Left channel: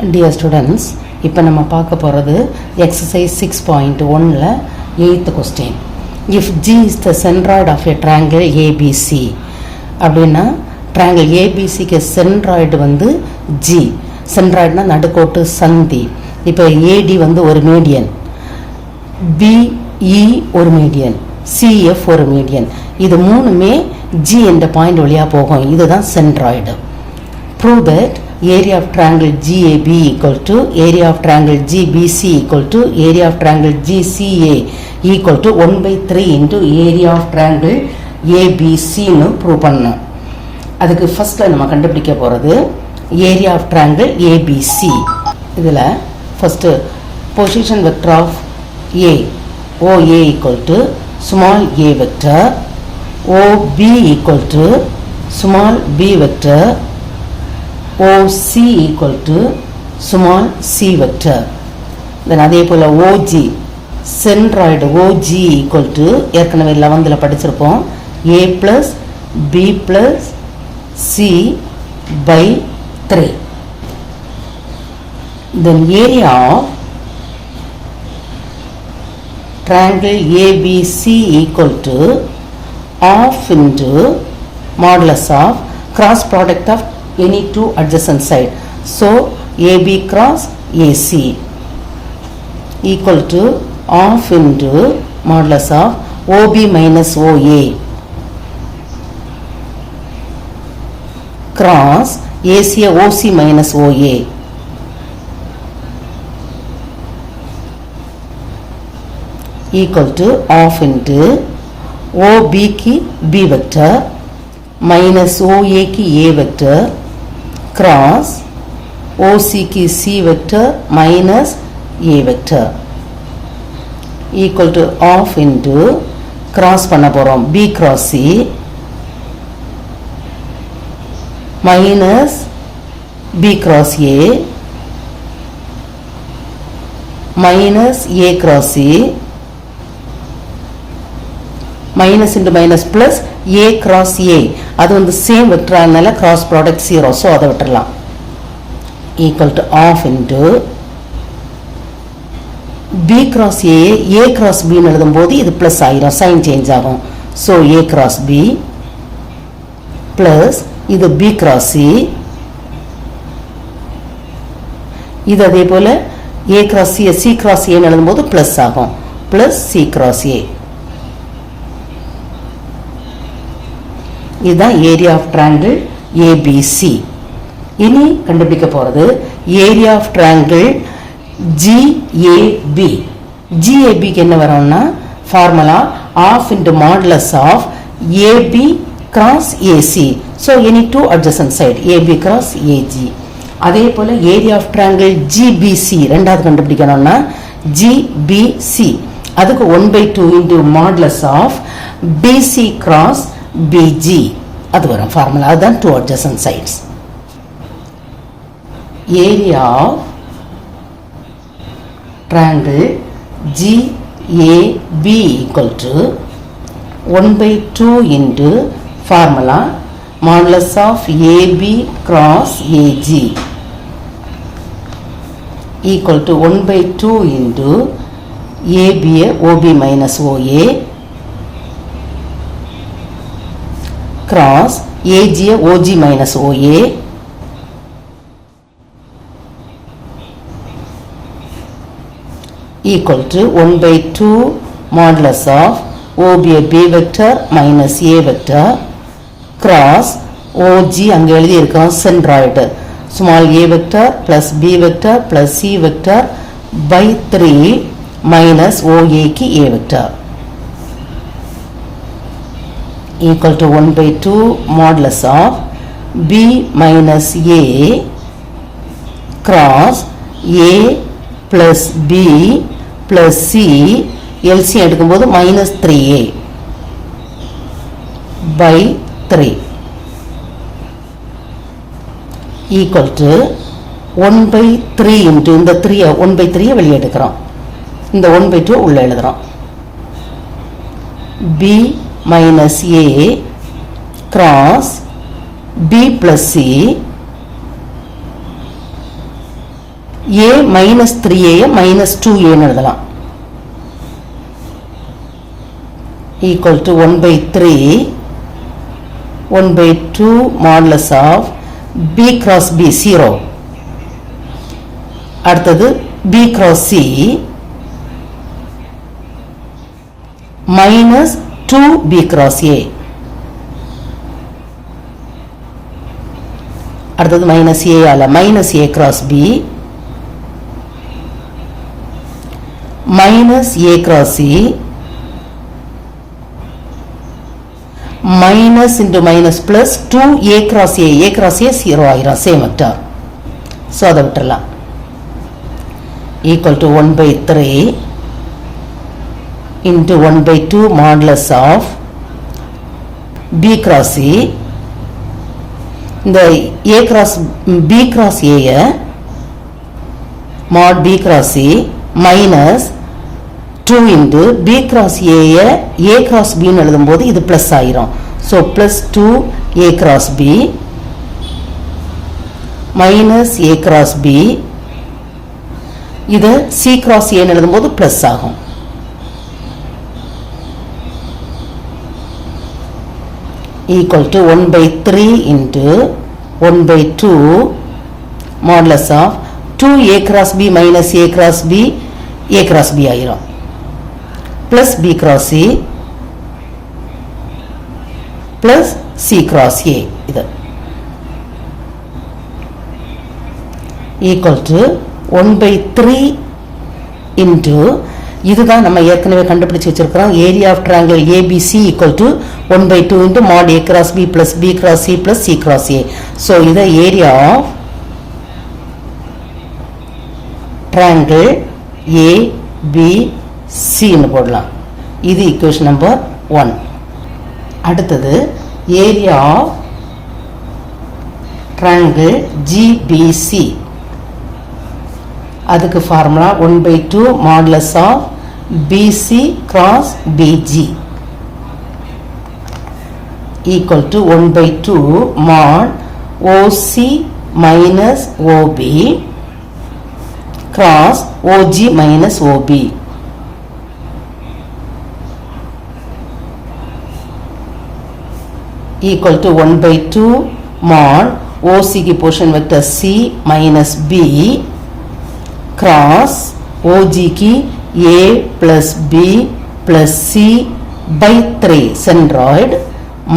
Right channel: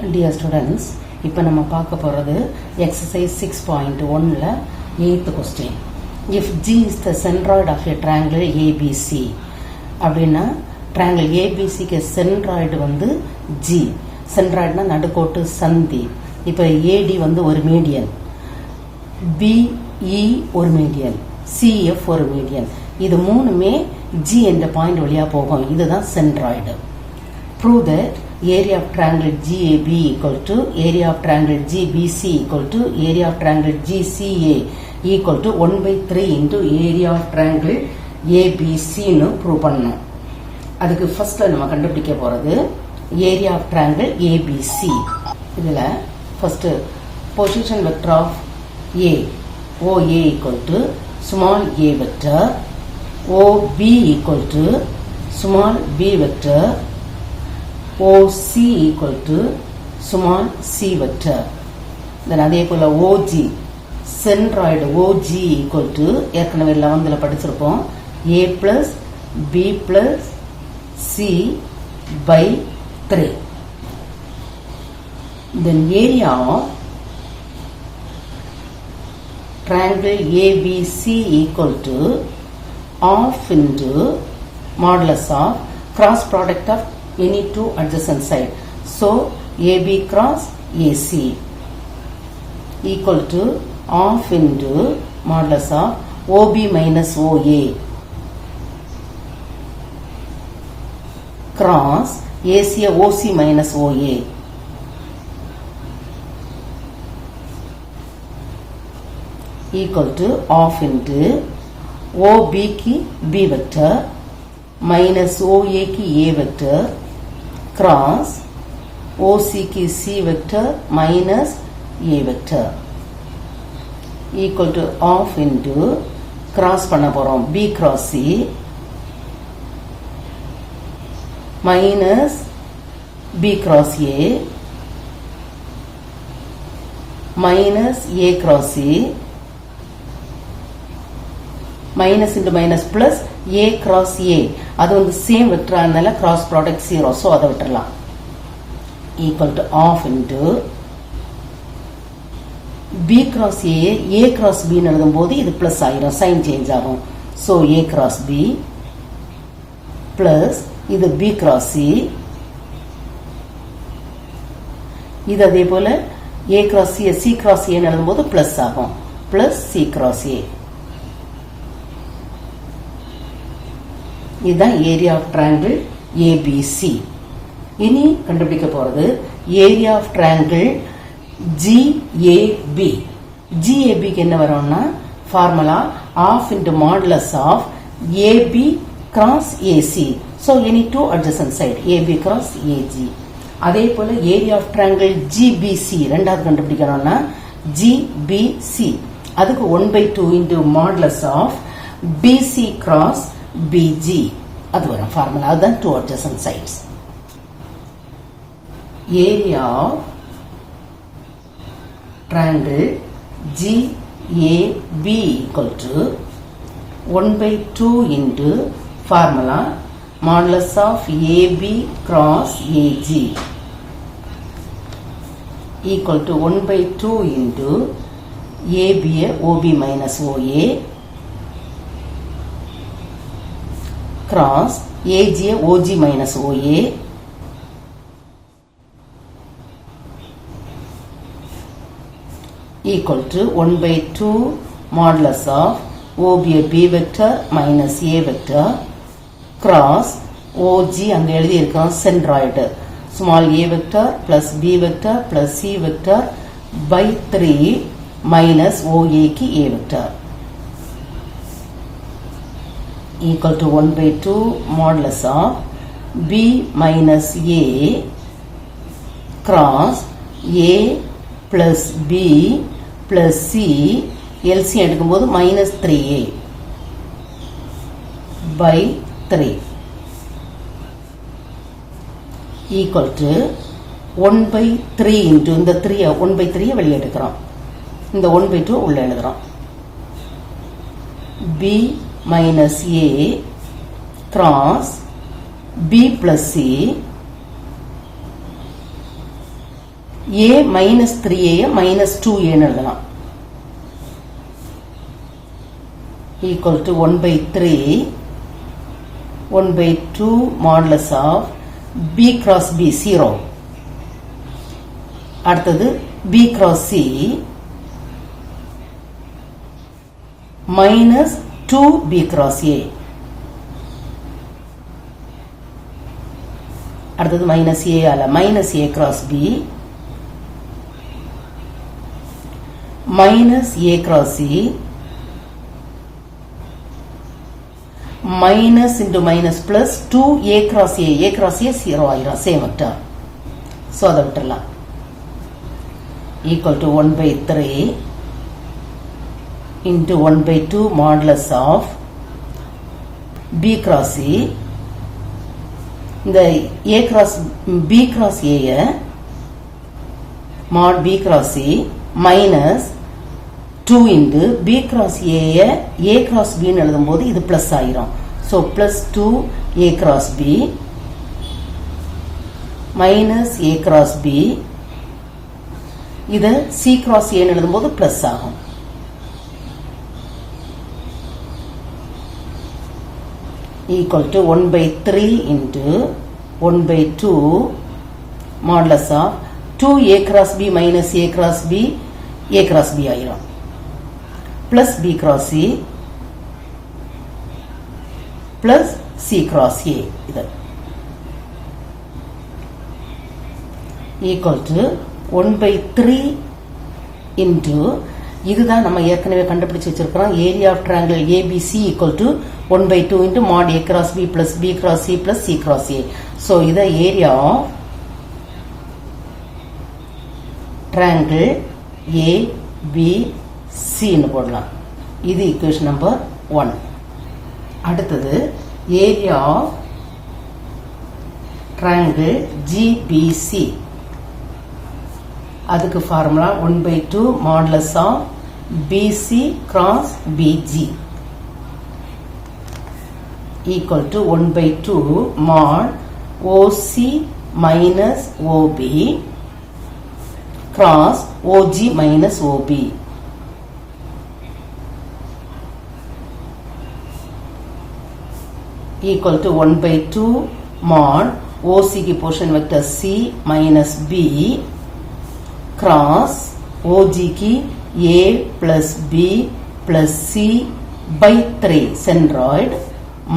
Dear students, இப்போ நம்ம பார்க்க போகிறது exercise 6.1ல 8th question. If G is the centroid of a triangle ABC அப்படின்னா triangle ABCக்கு centroid வந்து G. centroidனா நடுக்கோட்டு சந்தி. இப்போ AD வந்து ஒரு மீடியன், BE ஒரு மீடியன், CF ஒரு மீடியன். இது மூணுமே G என்ற பாயிண்ட் வழியாக போகும். இதுதான் centroid. Prove that area of triangle GAB equal to area of triangle GBC equal to area of triangle GCA equal to 1/3 into area of triangle ABC னு prove பண்ணணும். அதுக்கு ஃபர்ஸ்ட்ல நம்ம கண்டுபிடிக்க போகிறது area of triangle ABC. இதில் first position vector of A OA equal to small a vector, OB equal to small b vector, OC equal to small c vector. Then அதே போல OG centroid OG equal to ஏற்கனவே 11ல படிச்சிருப்போம் A plus B plus C by 3. Then area of triangle ABC equal to half into modulus of cross product of any two adjacent side. So AB cross AC equal to half into modulus of OB minus OA cross AC OC minus OA equal to half into OB की B vector minus OA की A vector cross OC की C vector minus A vector equal to half into cross பண்ண போறோம் B cross C minus B cross A minus A cross C minus into minus plus A cross A. அது வந்து சேம் வெக்டர்னால cross product 0, so அதை விட்டுறலாம். equal to half into B cross A, A cross B ன்னு எழுதும்போது இது plus ஆயிரும், sign change ஆகும். so A cross B plus இது B cross C, இது அதே போல A cross C, C cross A ன்னு எழுதும்போது plus ஆகும், plus C cross A. இதுதான் ஏரியா ஆஃப் ட்ரையாங்கிள் ஏபிசி. இனி கண்டுபிடிக்க போகிறது ஏரியா ஆஃப் ட்ரையாங்கிள் ஜிஏபி. ஜிஏபிக்கு என்ன வரும்னா formula of into modulus of AB cross AC. So any two adjacent side AB cross AG. அதே போல் ஏரியா ஆஃப் ட்ரையாங்கிள் ஜிபிசி ரெண்டாவது கண்டுபிடிக்கணும்னா ஜிபிசி அதுக்கு 1/2 into modulus of BC cross BG அது வரும் ஃபார்முலா. அதுதான் two adjacent sides. Area of triangle GAB equal to 1/2 into formula modulus of AB cross AG equal to 1/2 into AB OB minus OA cross AG OG minus OA equal to 1/2 modulus of OB B vector minus A vector cross OG அங்கே எழுதி இருக்கோம் centroid small a vector plus B vector plus C vector by 3 minus OA की A vector equal to 1/2 modulus of B minus A cross A plus B plus C LCM எடுக்கும்போது minus 3A by 3 equal to 1/3 into இந்த 3 1/3 வெளியே எடுக்கிறோம், இந்த 1/2 உள்ள எழுதுறோம். B minus A cross B plus C a minus 3a minus 2a எழுதலாம். equal to 1 by 3 1 by 2 modulus of b cross b 0. அடுத்தது b cross c minus 2b cross a. அடுத்தது minus a அல்ல minus a cross b minus a cross c minus into minus plus 2a cross a. a cross a 0 ஆயிரும் same vector. so அதை விட்டுறலாம். equal to 1 by 3 into 1 by 2 modulus of b cross c. இந்த a cross b cross a mod b cross c minus 2 into b cross a cross b ன்னு எழுதும்போது இது plus ஆயிரும். so plus 2 a cross b minus a cross b இது c cross a ன்னு எழுதும்போது plus ஆகும். equal to 1 by 3 into 1 by 2 modulus of 2a cross b minus a cross b ஆயிரும் plus b cross c plus c cross a இது equal to 1 by 3 into இதுதான் நம்ம ஏற்கனவே கண்டுபிடிச்சு வச்சிருக்கிறோம் area of triangle ABC equal to 1 by 2 into mod a cross b plus b cross c plus c cross a. so இது area of triangle ABC ன்னு போடலாம். இது ஈக்குவேஷன் நம்பர் 1. அடுத்தது ஏரியா ஆஃப் ட்ரையாங்கிள் GBC. அதுக்கு ஃபார்முலா 1 by 2 modulus of BC cross BG equal to 1 by 2 mod OC minus OB cross OG minus OB equal to 1 by 2 mod OC की portion vector C minus B cross OG की A plus B plus C by 3 centroid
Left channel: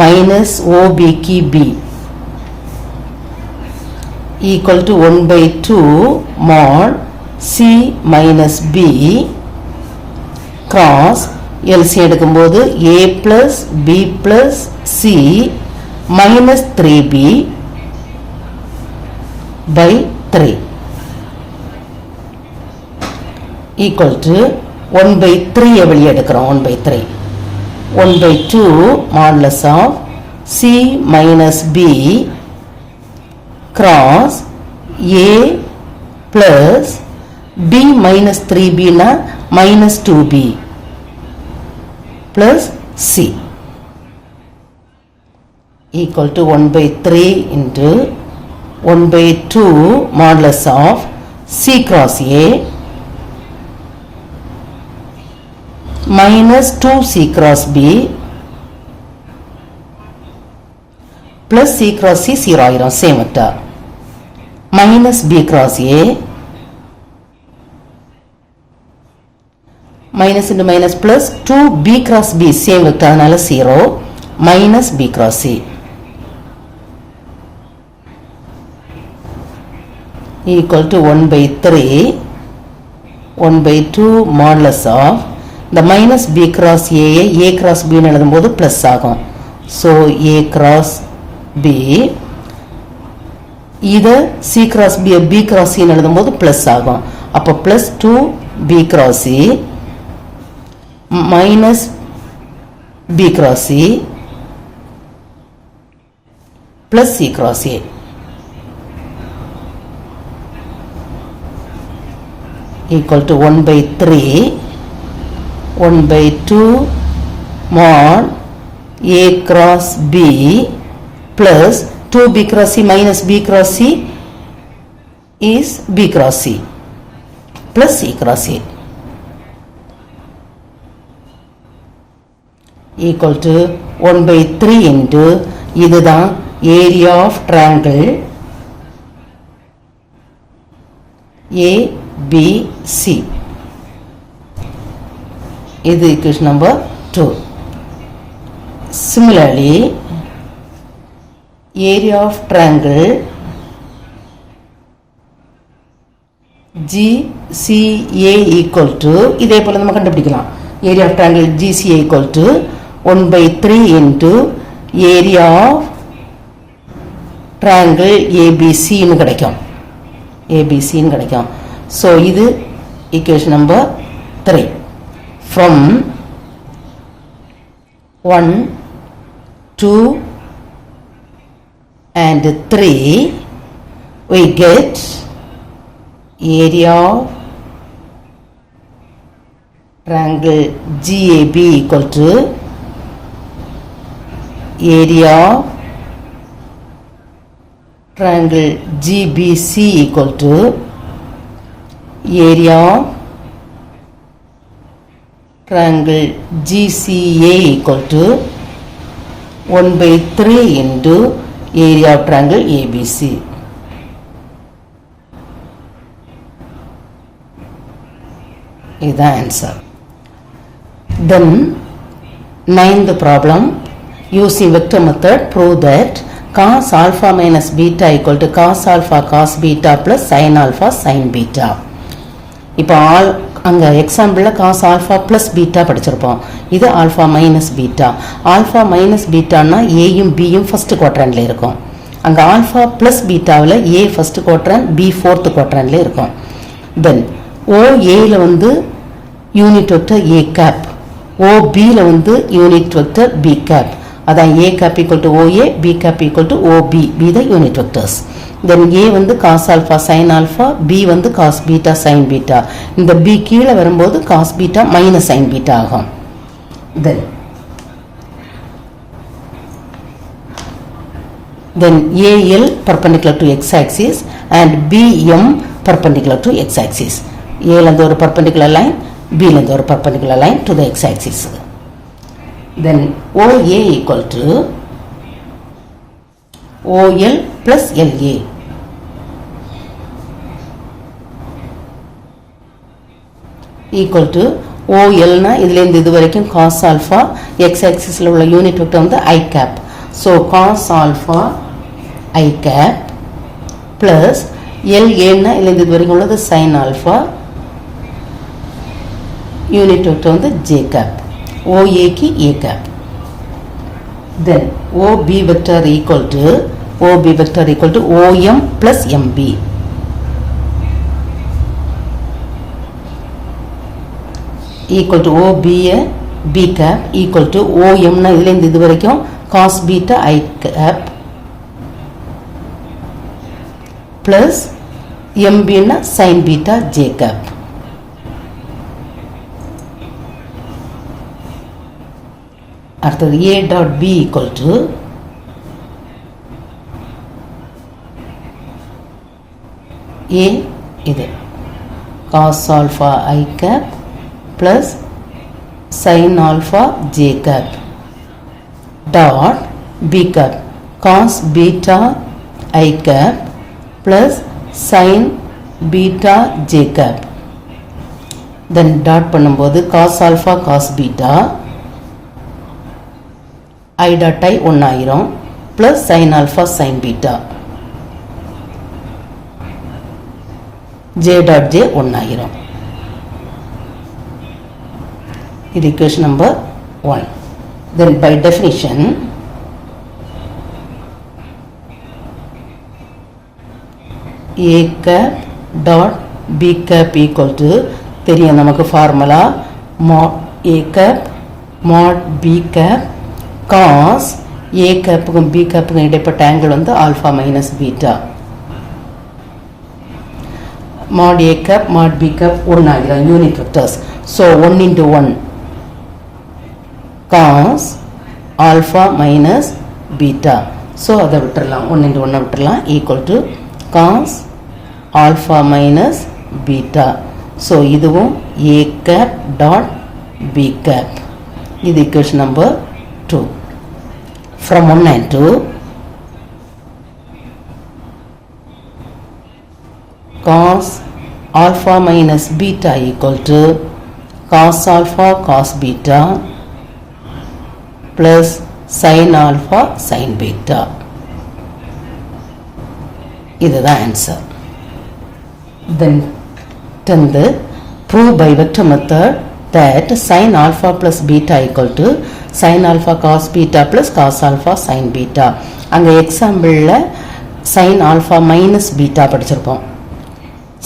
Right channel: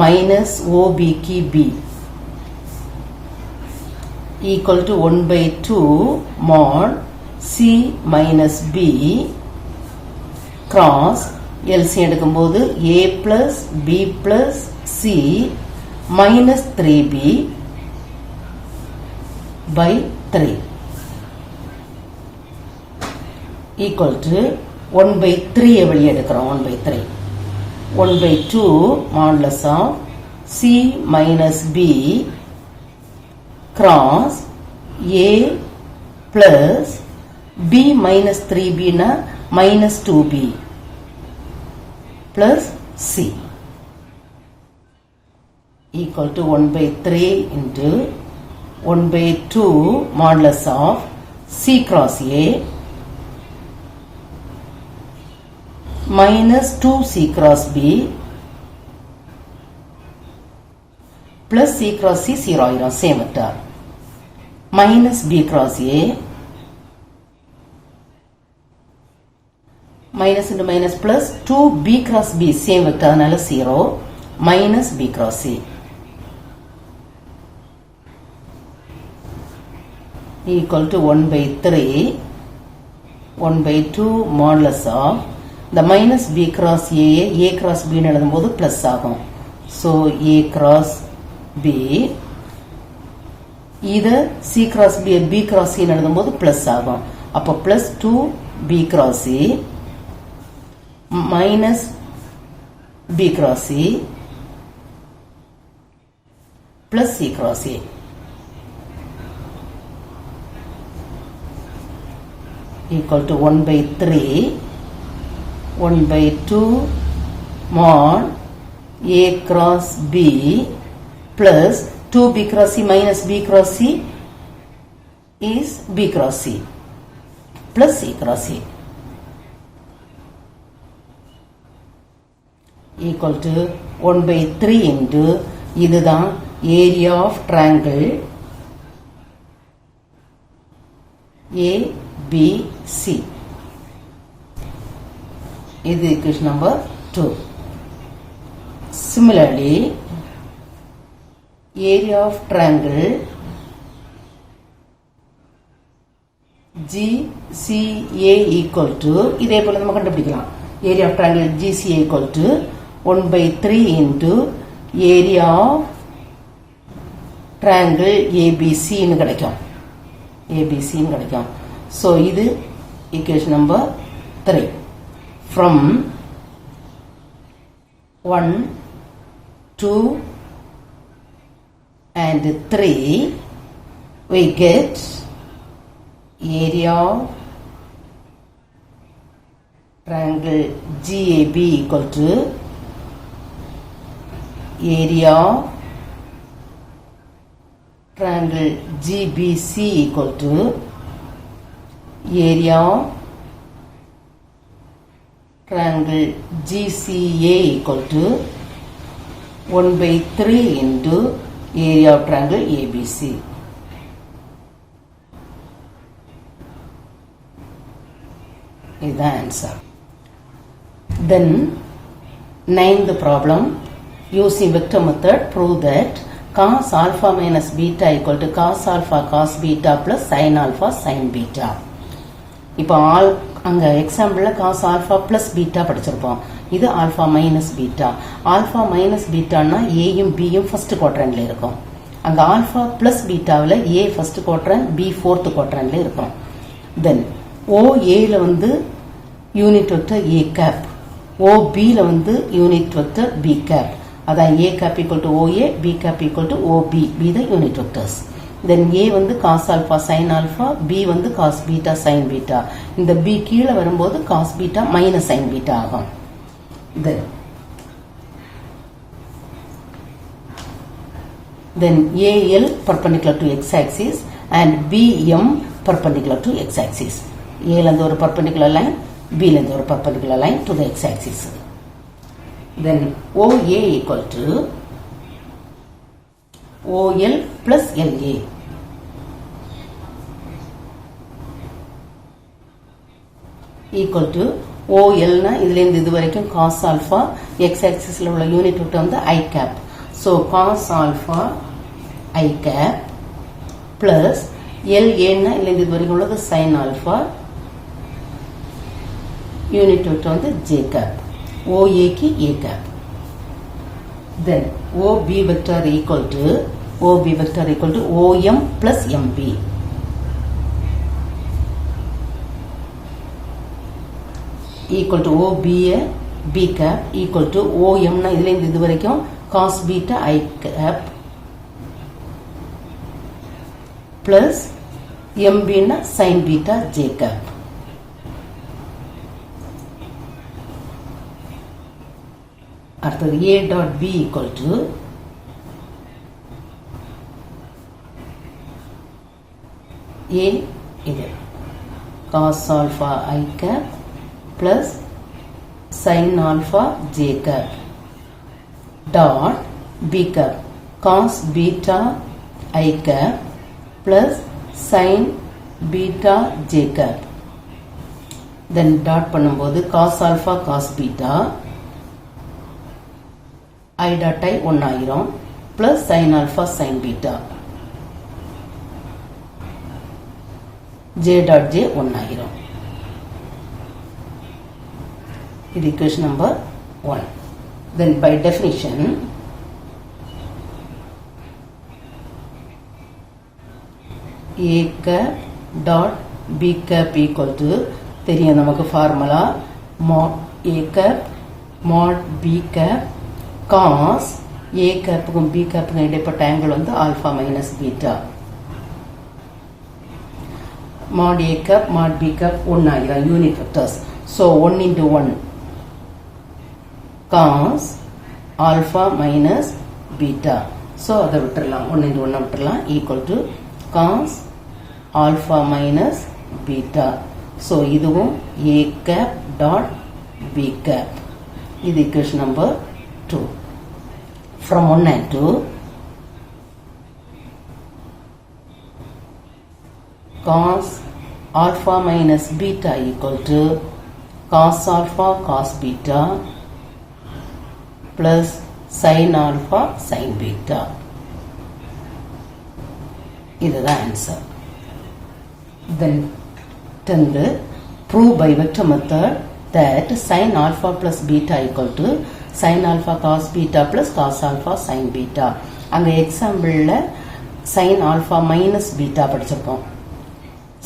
minus OB की B equal to 1 by 2 mod C minus B cross LC எடுக்கும்போது A plus B plus C minus 3B by 3 equal to 1 by 3 வெளியே எடுக்கிறோம் 1 by 3 1 by 2 modulus of C minus B cross A plus B minus 3B na minus 2B plus C equal to 1 by 3 into 1 by 2 modulus of C cross A minus 2C cross B plus C cross C 0 ஆயிரும் same vector minus B cross A minus into minus plus 2B cross B same vector அதனால 0 minus B cross C equal to 1 by 3 1 by 2 modulus of the minus B cross A cross B ன்னு எழுதும்போது plus ஆகும் so A cross B இது C cross B cross C ன்னு எழுதும்போது plus ஆகும் அப்போ plus 2 B cross C minus B cross C plus C cross A equal to 1 by 3 1 by 2 mod A cross B plus 2B cross C minus B cross C is B cross C plus E cross A equal to 1 by 3 into இதுதான் area of triangle ABC. இது equation number 2. Similarly, area of triangle GCA equal to இதே போல நம்ம கண்டுபிடிக்கலாம். area of triangle GCA equal to 1 by 3 into area of triangle ABC ன்னு கிடைக்கும். ABC ன்னு கிடைக்கும். So இது equation number 3. From 1, 2 and 3 we get area of triangle GAB equal to area of triangle GBC equal to area of triangle GCA equal to 1 by 3 into area of triangle ABC. Is the answer. Then 9th problem, using vector method prove that cos alpha minus beta equal to cos alpha cos beta plus sin alpha sin beta. இப்போ அங்கே எக்ஸாம்பிளில் cos alpha plus beta படிச்சிருப்போம். இது alpha minus beta. alpha minus betaன்னா ஏயும் பியும் ஃபஸ்ட்டு குவாட்ரண்டில் இருக்கும். அங்கே alpha plus betaவில் A first quadrant B fourth குவாட்ரண்டில் இருக்கும். தென் OAயில் வந்து யூனிட் வெக்டர் A கேப், OBயில் வந்து யூனிட் வெக்டர் B கேப். அதான் A cap equal to OA, B cap equal to OB, B the unit vectors. Then A வந்து cos alpha sin alpha, B வந்து cos beta sin beta. இந்த B கீழே வரும்போது cos beta minus sin beta ஆகும். Then AL perpendicular to x axis and BM perpendicular to x axis. A ல ஒரு perpendicular line, B ல ஒரு perpendicular line to the x axis. Then OA equal to OL plus LA. Equal to OL na இதிலிருந்து இது வரைக்கும் cos alpha x axis ல உள்ள unit vector வந்து I cap. So cos alpha I cap plus LA na இதிலிருந்து இது வரைக்கும் உள்ளது sin alpha யூனிட் வெக்டர் வந்து J cap. OA की A cap. Then OB vector equal to OM plus MB. Equal to OBA B cap equal to OM ना इधर इधर वरक्यों cos beta I cap plus MB ना sin beta J cap. After A dot B equal to A இது cos alpha I cap plus sin alpha J cap dot B cap cos beta I cap plus sin beta J cap. Then dot பண்ணும்போது cos alpha cos beta I dot I 1 ஆயிரும் plus sin alpha sin beta J dot J 1 ஆயிரும். இது equation number 1. Then by definition A cap dot B cap equal to தெரியும் நமக்கு formula mod A cap mod B cap cos A கேப்புக்கும் B கேப்புக்கும் இடைப்பட்ட ஆங்கிள் வந்து alpha minus beta. mod A cap mod B cap 1 ஆகிடும் unit vectors. So 1 into 1 cos alpha minus beta. So அதை விட்டுடலாம், 1 into 1 விட்டுடலாம் equal to cos alpha minus beta. So இதுவும் a cap dot b cap. இது equation number 2. From 1 and 2, cos alpha minus beta equal to cos alpha cos beta plus sin alpha sin beta. இதுதான் answer. Then 10th, prove by vector method that sin alpha plus beta equal to sin alpha cos beta plus cos alpha sin beta. அங்க எக்ஸாம்பிள்ல sin alpha minus beta படிச்சிருப்போம்.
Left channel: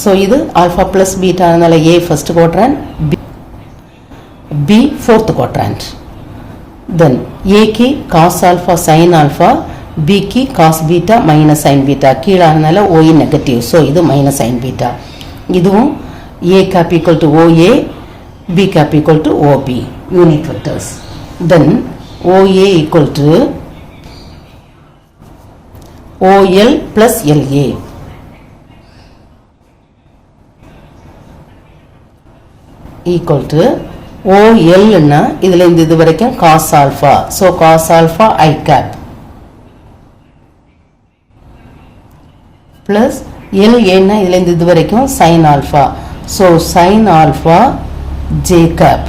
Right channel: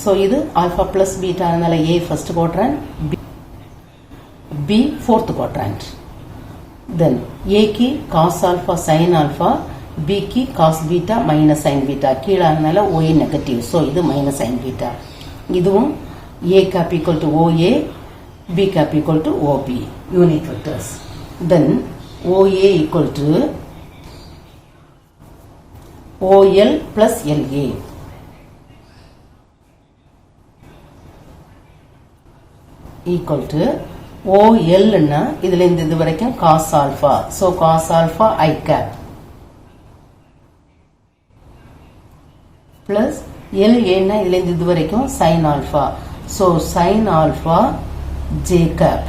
So இது alpha plus beta அதனால A first quadrant, B fourth quadrant. Then A की cos alpha sin alpha, B की cos beta minus sin beta. கீழ அதனால OA negative. So இது minus sin beta. இதுவும் A cap equal to OA, B cap equal to OB. Unit vectors. Then OA equal to OL plus LA. Equal to OL னா இதுல இருந்து இது வரைக்கும் cos alpha. So cos alpha I cap plus LA னா இதுல இருந்து இது வரைக்கும் sin alpha. So sin alpha J cap.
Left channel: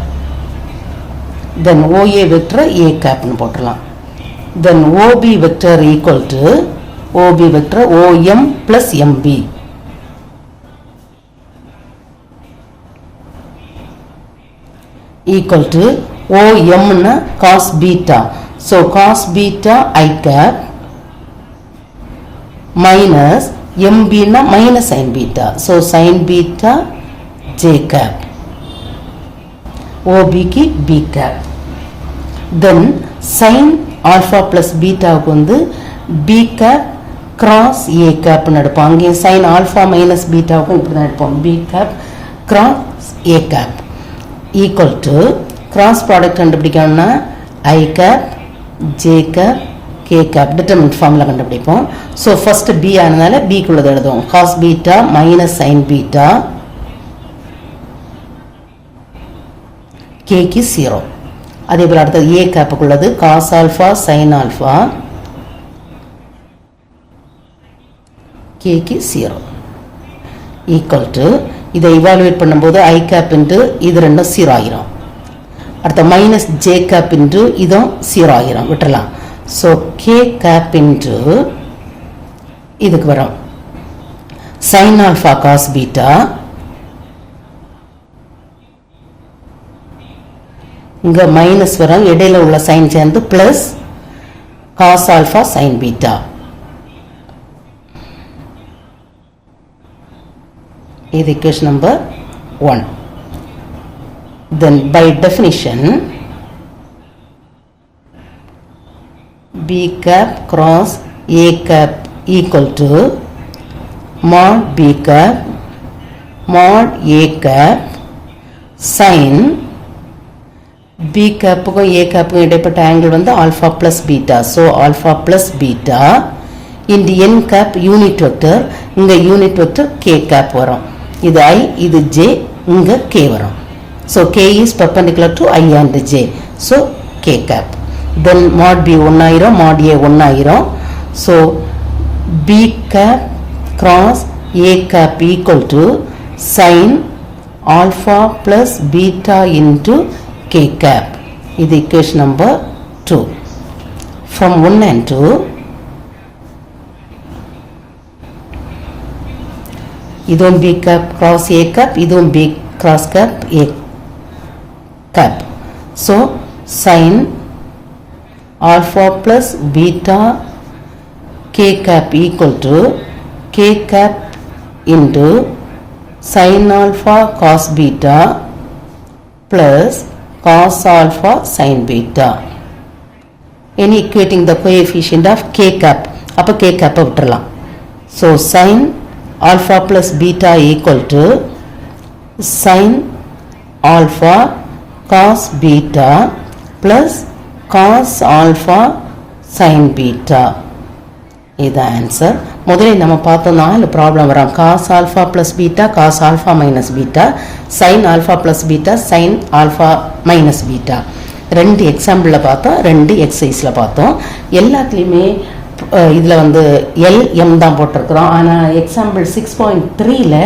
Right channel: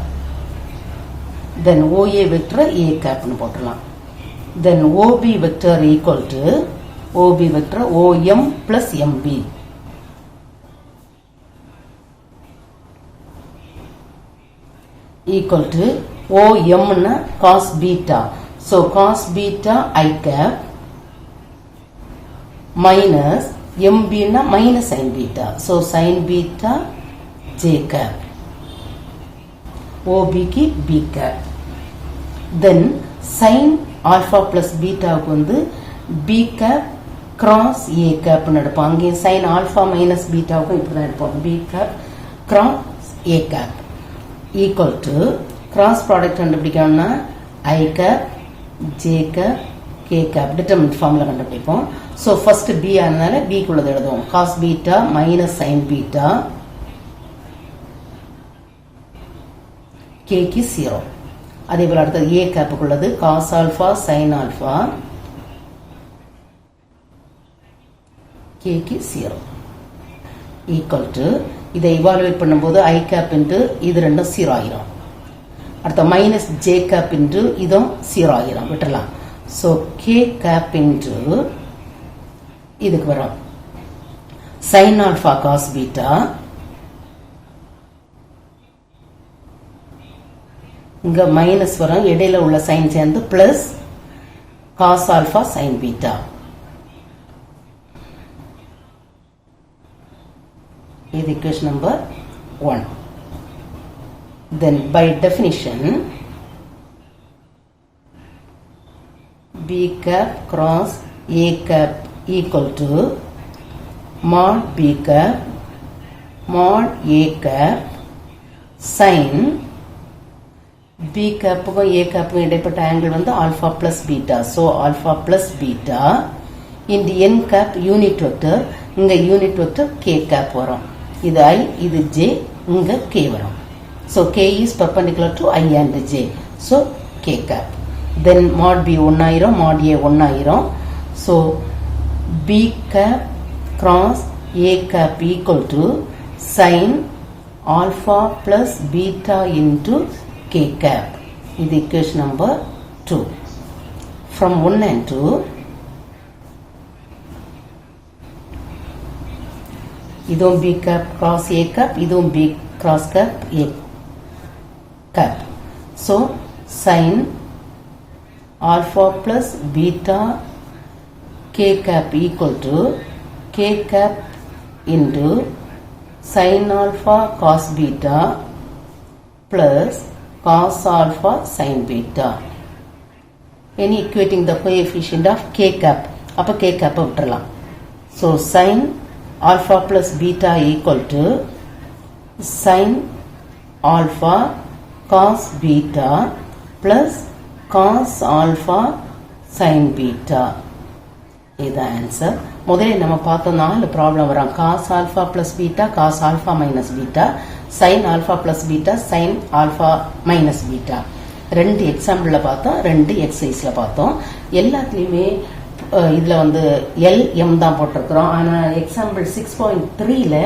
Then OA vector A cap னு போட்டுறலாம். Then OB vector equal to OB vector OM plus MB. Equal to OM na cos beta. So cos beta I cap minus MB na minus sin beta. So sin beta J cap. OB ki B cap. Then sin alpha plus beta க்கு வந்து B cap cross A cap னு எடுப்போம். அங்கே sin alpha minus beta க்கு இப்படி தான் எடுப்போம். B cap cross A cap. Equal to cross product கண்டுபிடிக்கணும்னா I cap J cap K cap determinant formula கண்டுபிடிப்போம். So first B ஆனதால B குள்ளது எழுதுவோம். cos beta minus sin beta K க்கு 0. அதே போல அடுத்தது A cap குள்ளது cos alpha sin alpha K க்கு 0. Equal to இதை evaluate பண்ணும்போது I cap into இது ரெண்டும் 0 ஆகிரும். அடுத்த minus J cap into இதும் 0 ஆகிரும். விட்டுறலாம். So K cap into இதுக்கு வரும் sin alpha cos beta இங்க minus வரும். இடையில உள்ள sin சேர்ந்து plus cos alpha sin beta. இது equation number 1. Then by definition B cap cross A cap equal to mod B cap mod A cap sin B cap க்கும் A cap க்கும் இடைப்பட்ட angle வந்து alpha plus beta. So alpha plus beta into n cap unit vector. இங்க unit vector K cap வரும். இது I, இது J, இங்க K வரும். So K is perpendicular to I and J. So K cap. Then mod B 1 ஆயிரும், mod A 1 ஆயிரும். So B cap cross A cap equal to sin alpha plus beta into K cap. இது equation number 2. From 1 and 2, இதுவும் B cap cross A cap, இதுவும் B cross cap A cap. So sin alpha plus beta K cap equal to K cap into sin alpha cos beta plus cos alpha sin beta. Any equating the coefficient of K cap. அப்போ K cap விட்டுறலாம். So sin alpha plus beta equal to sin alpha cos beta plus cos alpha sin beta. Is the answer. முதலில் நம்ம பார்த்தோம் 4 problem வரும். Cos alpha plus beta, cos alpha minus beta, sine alpha plus beta, sine alpha minus beta. 2 எக்ஸாம்பிளில் பார்த்தோம், 2 எக்ஸசைஸில் பார்த்தோம். எல்லாத்துலேயுமே இதில் வந்து எம் தான் போட்டிருக்கிறோம். ஆனால் எக்ஸாம்பிள் 6.3ல்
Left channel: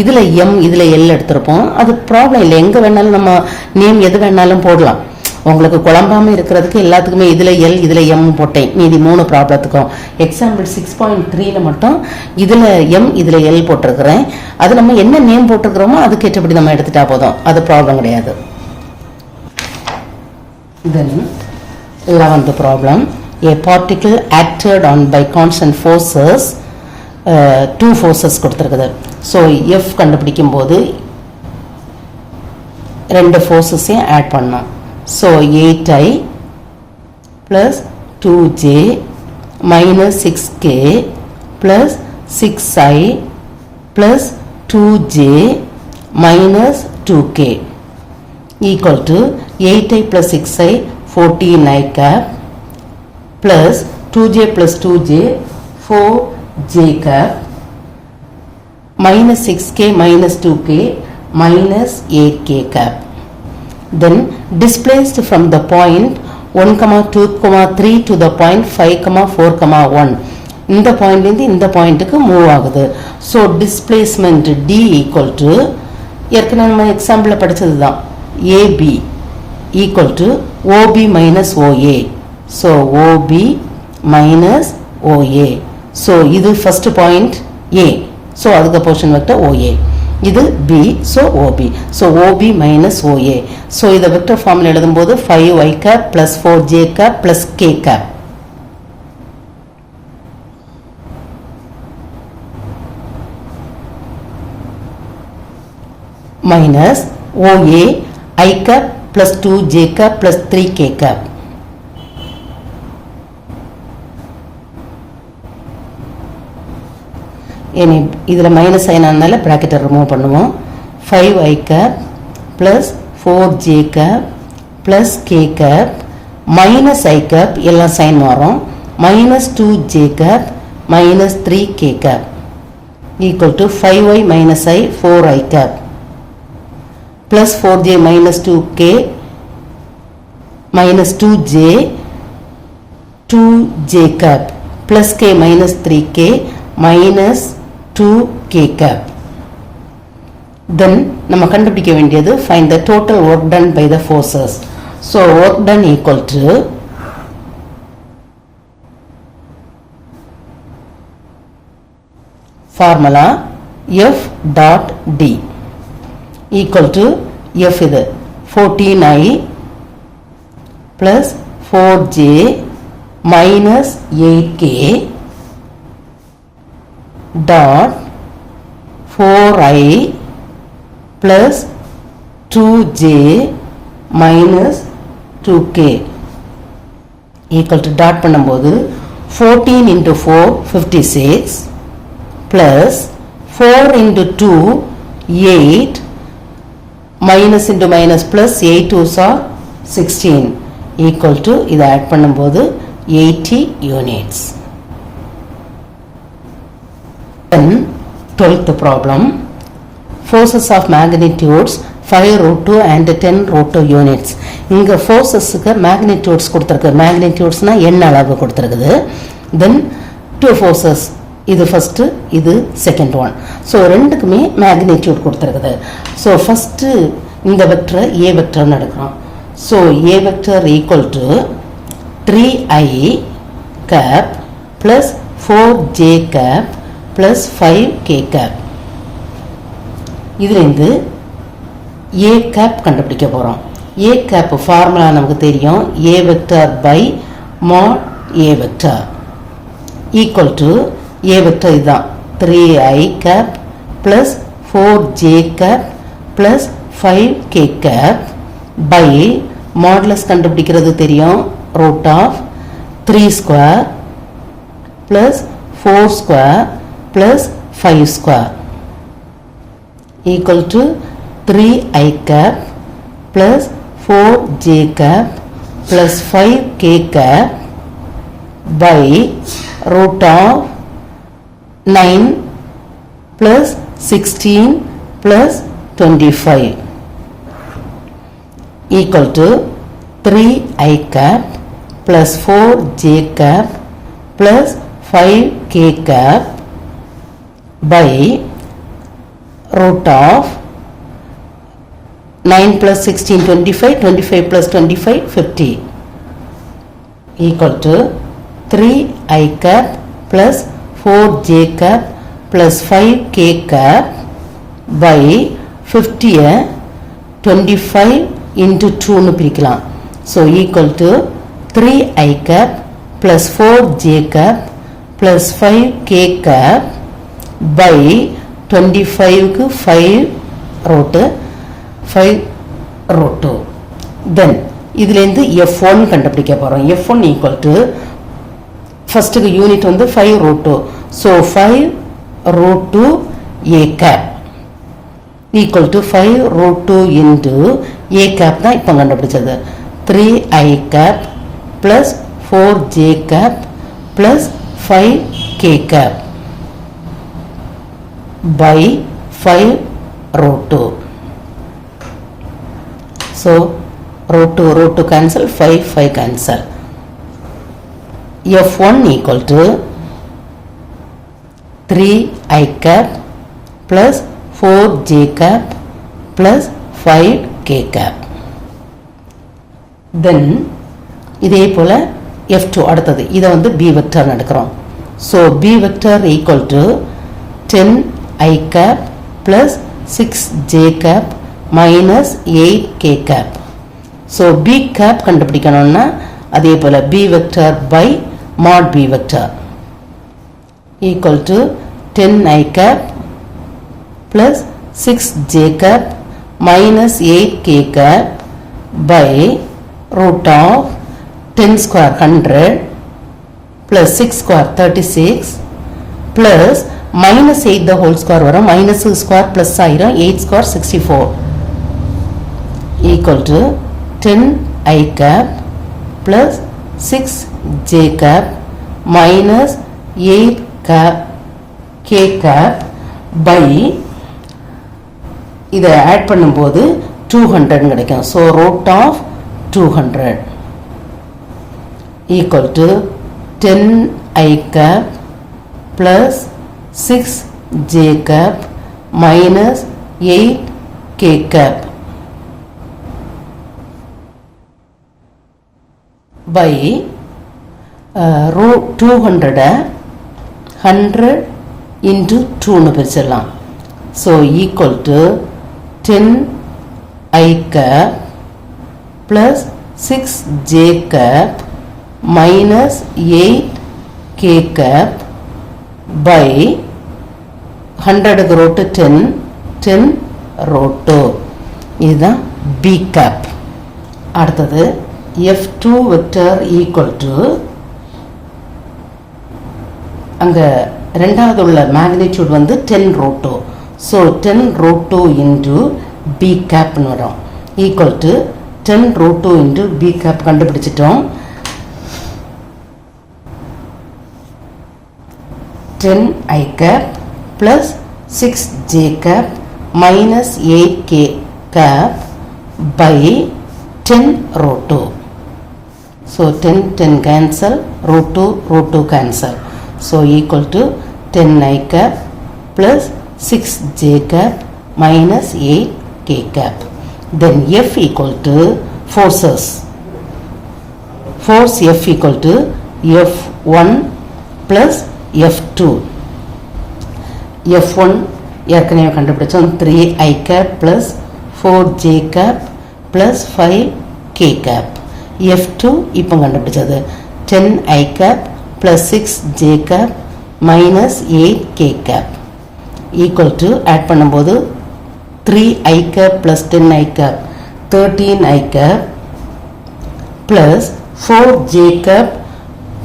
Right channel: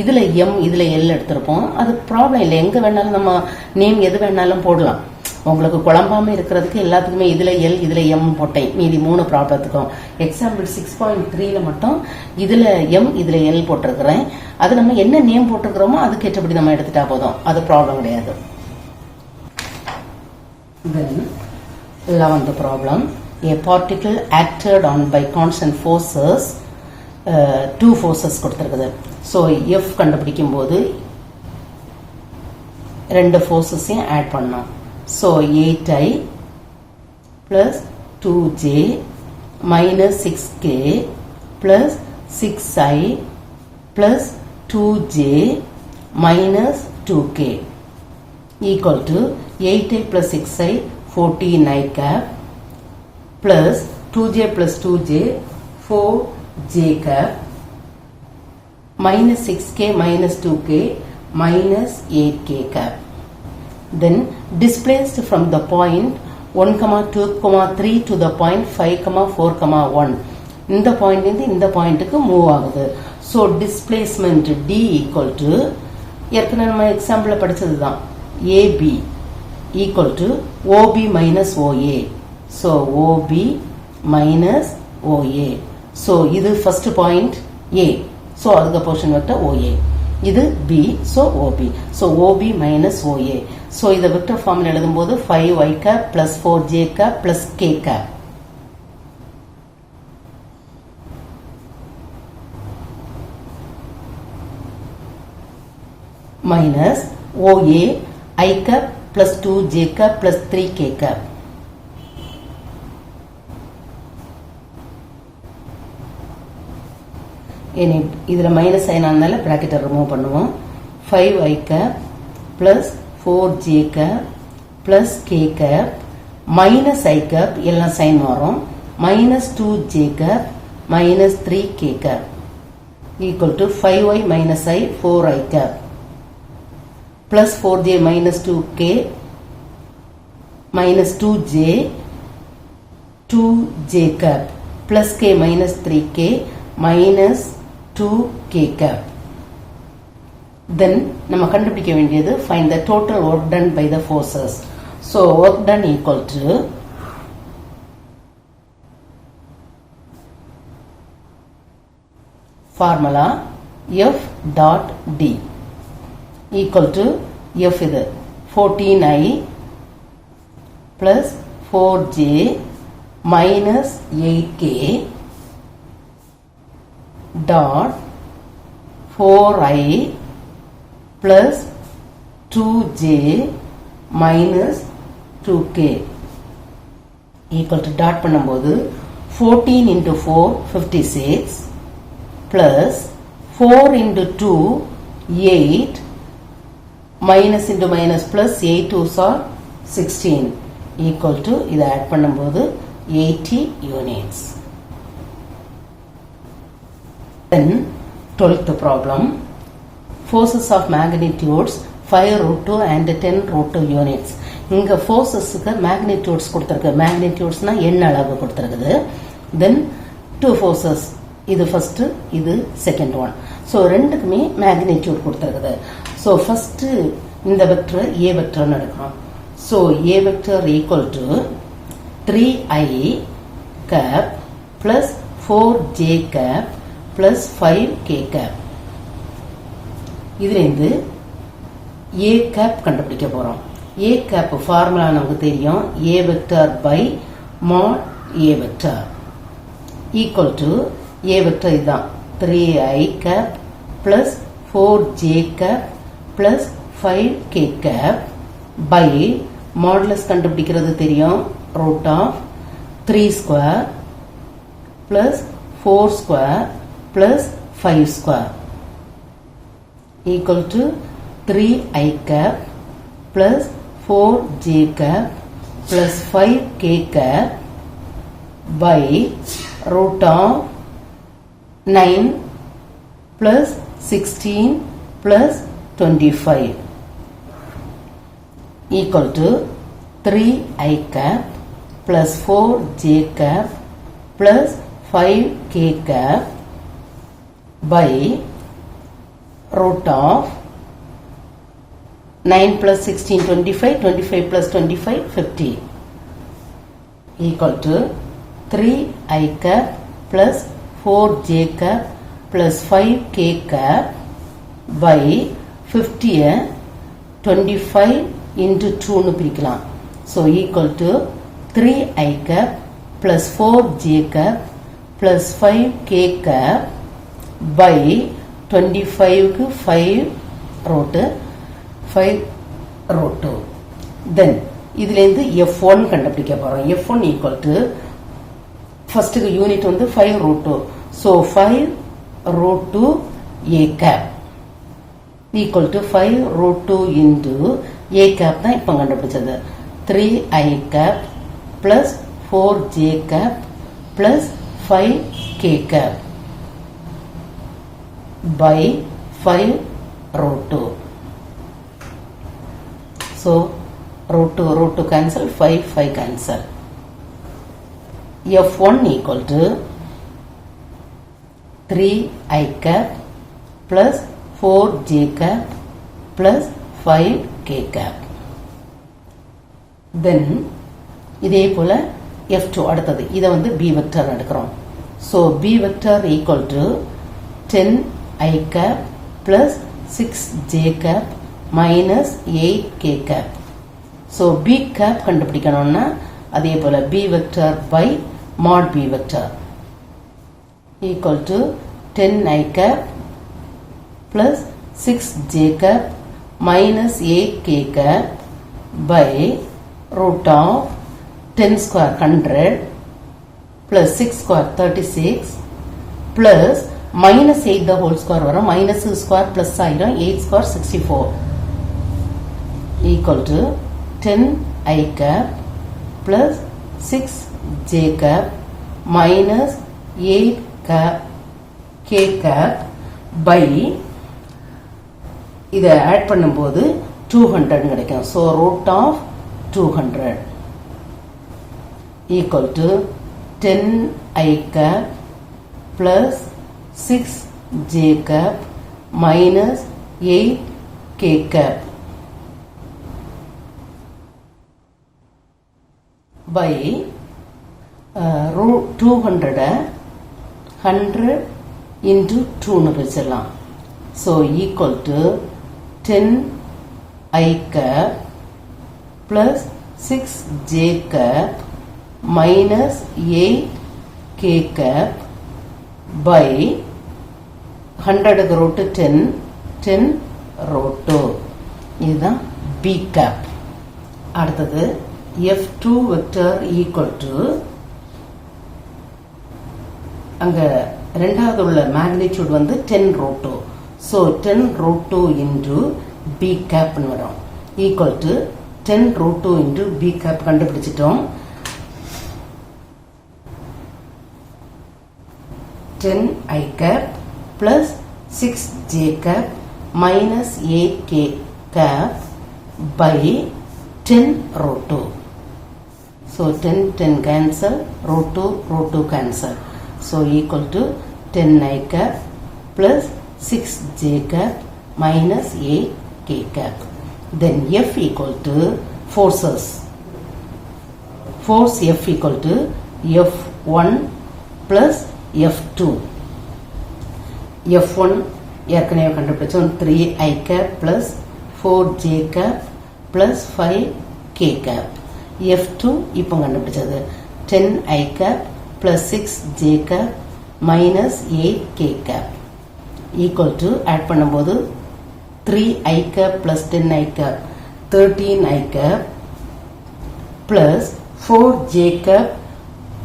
இதில் எம் இதில் எல் எடுத்திருப்போம். அது ப்ராப்ளம் இல்லை, எங்கே வேணாலும் நம்ம நேம் எது வேணாலும் போடலாம். உங்களுக்கு குழம்பாமல் இருக்கிறதுக்கு எல்லாத்துக்குமே இதில் எல் இதில் எம் போட்டேன். மீதி 3 ப்ராப்ளத்துக்கும் எக்ஸாம்பிள் 6.3ல் மட்டும் இதில் எம் இதில் எல் போட்டிருக்கிறேன். அது நம்ம என்ன நேம் போட்டிருக்கிறோமோ அதுக்கேற்றபடி நம்ம எடுத்துட்டா போதும், அது ப்ராப்ளம் கிடையாது. Then 11th problem, a particle acted on by constant forces, 2 forces கொடுத்திருக்குது. ஸோ F கண்டுபிடிக்கும் போது 2 ஃபோர்ஸஸையும் ஆட் பண்ணோம். So 8i plus 2j minus 6k plus 6i plus 2j minus 2k equal to 8i plus 6i 14i cap plus 2j plus 2j 4j cap minus 6k minus 2k minus 8k cap. Then displaced from the point 1, 2, 3 to the point 5, 4, 1. இந்த பாயிண்ட்லேருந்து இந்த பாயிண்ட்டுக்கு மூவ் ஆகுது. So displacement D equal to ஏற்கனவே நம்ம எக்ஸாம்பிளில் படித்தது தான், AB equal to OB minus OA. So OB minus OA. So இது first point A. So அதுக்கு portion vector OA. இது B. So OB. So OB minus OA. So இதை vector formula எழுதும்போது 5i cap plus 4j cap plus k cap. Minus OA I cap plus 2j cap plus 3k cap. இதில் மைனஸ் சைனானால ப்ராக்கெட்டை ரிமூவ் பண்ணுவோம். 5i cap plus 4j cap plus k cap minus i cap எல்லாம் சைன் மாறும், minus 2j cap minus 3k cap equal to 5i minus i 4i cap plus 4j minus 2k minus 2j 2j cap plus k minus 3k minus 2k cap. Then நம்ம கண்டுபிடிக்க வேண்டியது find the total work done by the forces. So work done equal to formula F dot D equal to F இது 14i plus 4j minus 8k dot 4i plus 2j minus 2k equal to dot பண்ணும்போது 14 into 4 56 plus 4 into 2 8 minus into minus plus 8 2s are 16 equal to இதை ஆட் பண்ணும்போது 80 units. Then 12th problem, forces of magnitudes 5 root 2 and 10 root 2 units. இங்க forcesக்கு magnitudes கொடுத்திருக்கு, magnitudesனா எண் அளவு கொடுத்திருக்குது. Then 2 forces, இது first, இது second one. So ரெண்டுக்குமே magnitude கொடுத்திருக்குது. So first இந்த vector A vector எடுக்கிறோம். So A vector equal to 3i cap plus 4j cap plus 5k cap. இதிலிருந்து A cap கண்டுபிடிக்க போகிறோம். A cap ஃபார்முலா நமக்கு தெரியும், A vector by mod A vector equal to A vector இதுதான் 3i cap plus 4j cap plus 5k cap by modulus கண்டுபிடிக்கிறது தெரியும், root of 3 square plus 4 square plus 5 square equal to 3i cap plus 4j cap plus 5k cap by root of 9 plus 16 plus 25 equal to 3i cap plus 4j cap plus 5k cap by root of 9 plus 16 25, 25 plus 25 50 equal to 3i cap plus 4j cap plus 5k cap by 50 25 into 2 னு பிரிக்கலாம். So equal to 3i cap plus 4j cap plus 5k cap by 25 க்கு 5 root 5 root 2. Then இதிலிருந்து F1 கண்டுபிடிக்க போறோம். F1 equal to first unit வந்து 5 root 2. So 5 root 2 a cap equal to 5 root 2 into a cap தான் இப்போ கண்டுபிடிச்சது. 3i cap plus 4j cap plus 5k cap by 5 root 2. So root 2 cancel, 5 cancel. F1 equal to 3i cap plus 4j cap plus 5k cap. Then இதே போல F2 அடுத்தது இதை வந்து B vector எடுக்கிறோம். So B vector equal to 10i cap plus 6j cap minus 8k cap. So B cap கண்டுபிடிக்கணும்னா அதே போல B vector by mod B vector equal to 10i cap plus 6j cap minus 8k cap by root of 10 square 100 plus 6 square 36 plus minus 8 the whole square வரும் minus square plus ஆயிரும் 8 square 64 equal to 10i cap plus 6j cap minus 8 cap k cap by இதை ஆட் பண்ணும்போது 200 கிடைக்கும். So root of 200 equal to 10i cap plus 6j cap minus 8k cap by root 200 100 into 2 னு பிரிச்சிடலாம். So equal to 10i cap plus 6j cap minus 8k cap by 100 root 10 root 2 இதுதான் B cap. அடுத்தது F2 vector equal to அங்க இரண்டாவது உள்ள magnitude வந்து 10 root 2. So 10 root 2 into B cap னு வரும் equal to 10 root 2 into B cap கண்டுபிடிச்சிட்டோம். 10i cap plus 6j cap minus 8k cap by 10 root 2. So 10 cancel, root 2 cancel. So equal to 10i cap plus 6j cap minus 8k cap. Then F equal to forces. Force F equal to F1 plus F2. F1 ஏற்கனவே கண்டுபிடிச்சோம் 3i cap plus 4j cap plus 5k cap. F2 இப்போ கண்டுபிடிச்சது 10i cap plus 6j cap minus 8k cap equal to add பண்ணும்போது 3i cap plus 10i cap 13i cap plus 4j cap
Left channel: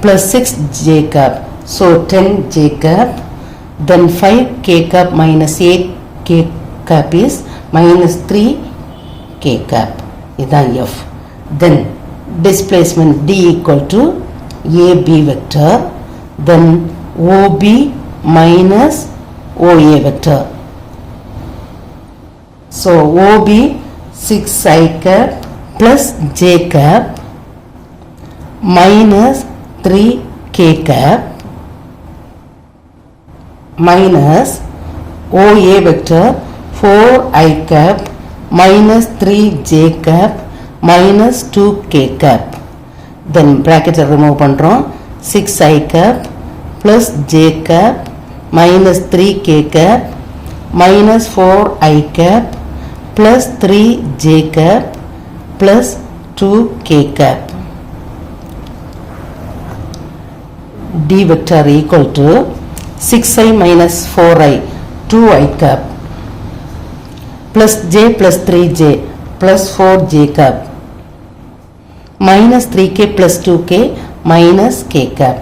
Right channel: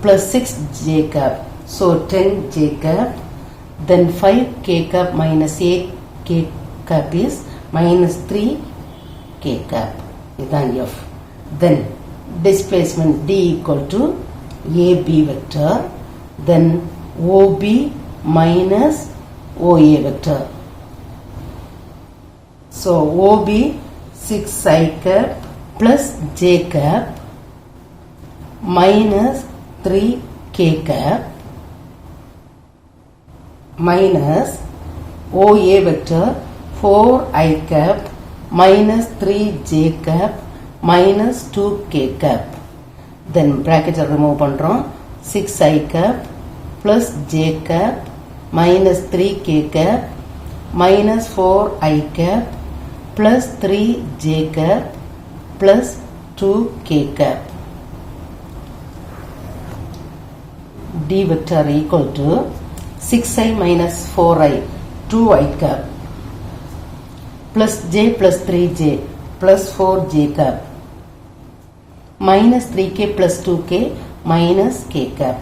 plus 6j cap. So 10j cap then 5k cap minus 8k cap is minus 3k cap. இதான் F. Then displacement D equal to AB vector. Then OB minus OA vector. So OB 6i cap plus j cap minus 3k cap minus OA vector 4i cap minus 3j cap minus 2k cap. Then bracket remove பண்றோம். 6i cap plus j cap minus 3k cap minus 4i cap plus 3j cap plus 2k cap. D vector equal to 6i minus 4i 2i cap plus j plus 3j plus 4j cap minus 3k plus 2k minus k cap.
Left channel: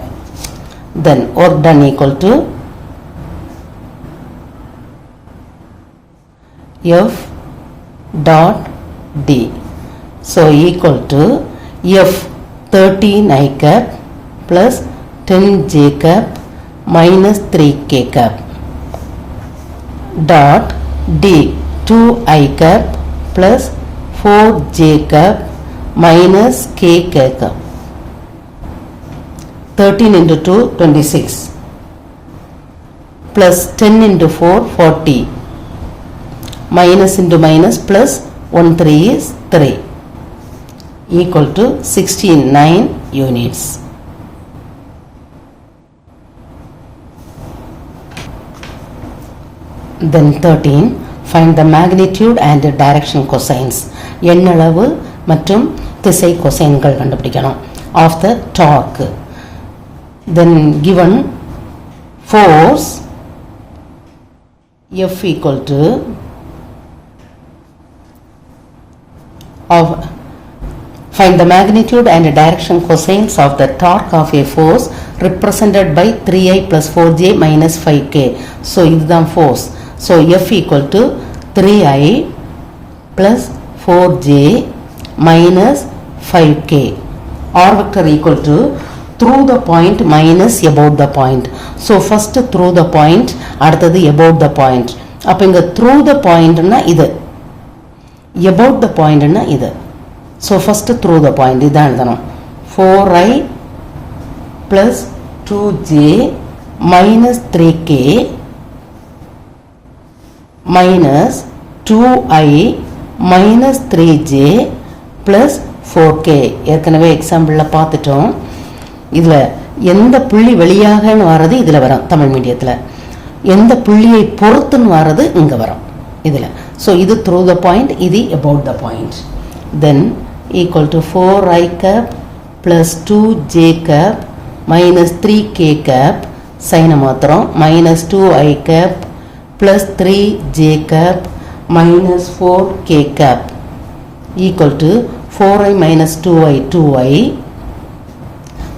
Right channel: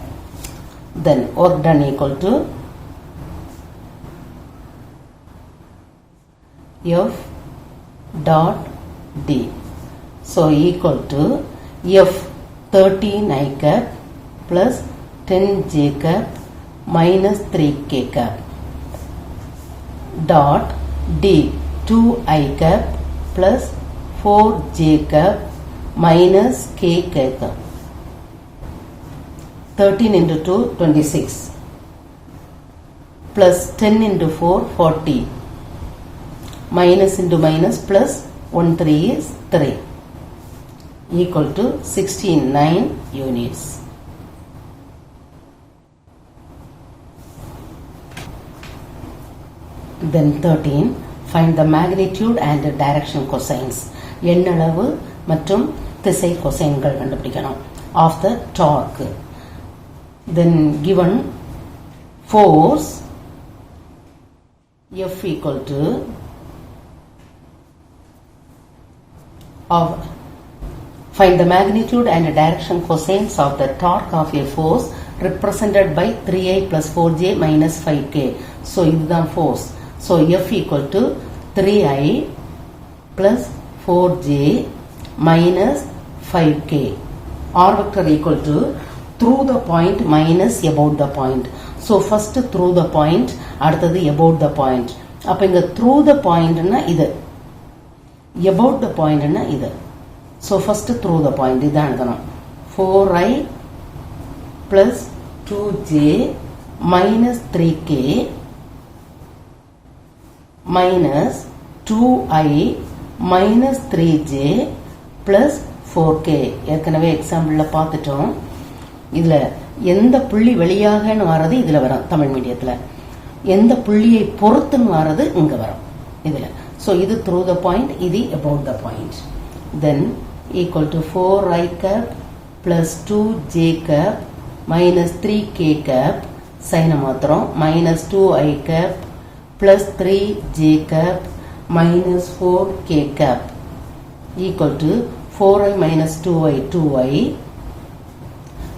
Then work done equal to F dot D. So equal to F 13i cap plus 10j cap minus 3k cap dot D 2i cap plus 4j cap minus k cap. 13 into 2 26 plus 10 into 4 40 minus into minus plus 1 3 is 3 equal to 69 units. Then 13, find the magnitude and the direction cosines. எண்ணளவு மற்றும் திசை கொசைன்கள் கண்டுபிடிக்கணும் of the torque. Then given force F equal to of find the magnitude and the direction cosines of the torque of a force represented by 3i plus 4j minus 5k. So இதுதான் force. So F equal to 3i plus 4j minus 5k. R vector equal to through the point minus about the point. So first through the point, அடுத்தது about the point. அப்ப இங்க through the point னா இது, about the point னா இது. So first through the point இதான் எழுதணும். 4i plus 2j minus 3k minus 2i minus 3j plus 4k. ஏற்கனவே எக்ஸாம்பிள்ல பார்த்துட்டோம். இதுல எந்த புள்ளி வெளியாக வரது இதுல வரும் தமிழ் மீடியத்துல, எந்த புள்ளியை பொறுத்துன்னு வரது இங்க வரும் இதுல. So இது through the point, இது about the point. Then equal to 4i cap plus 2j cap minus 3k cap சைன மாத்திரம் minus 2i cap plus 3j cap minus 4k cap equal to 4i minus 2i 2i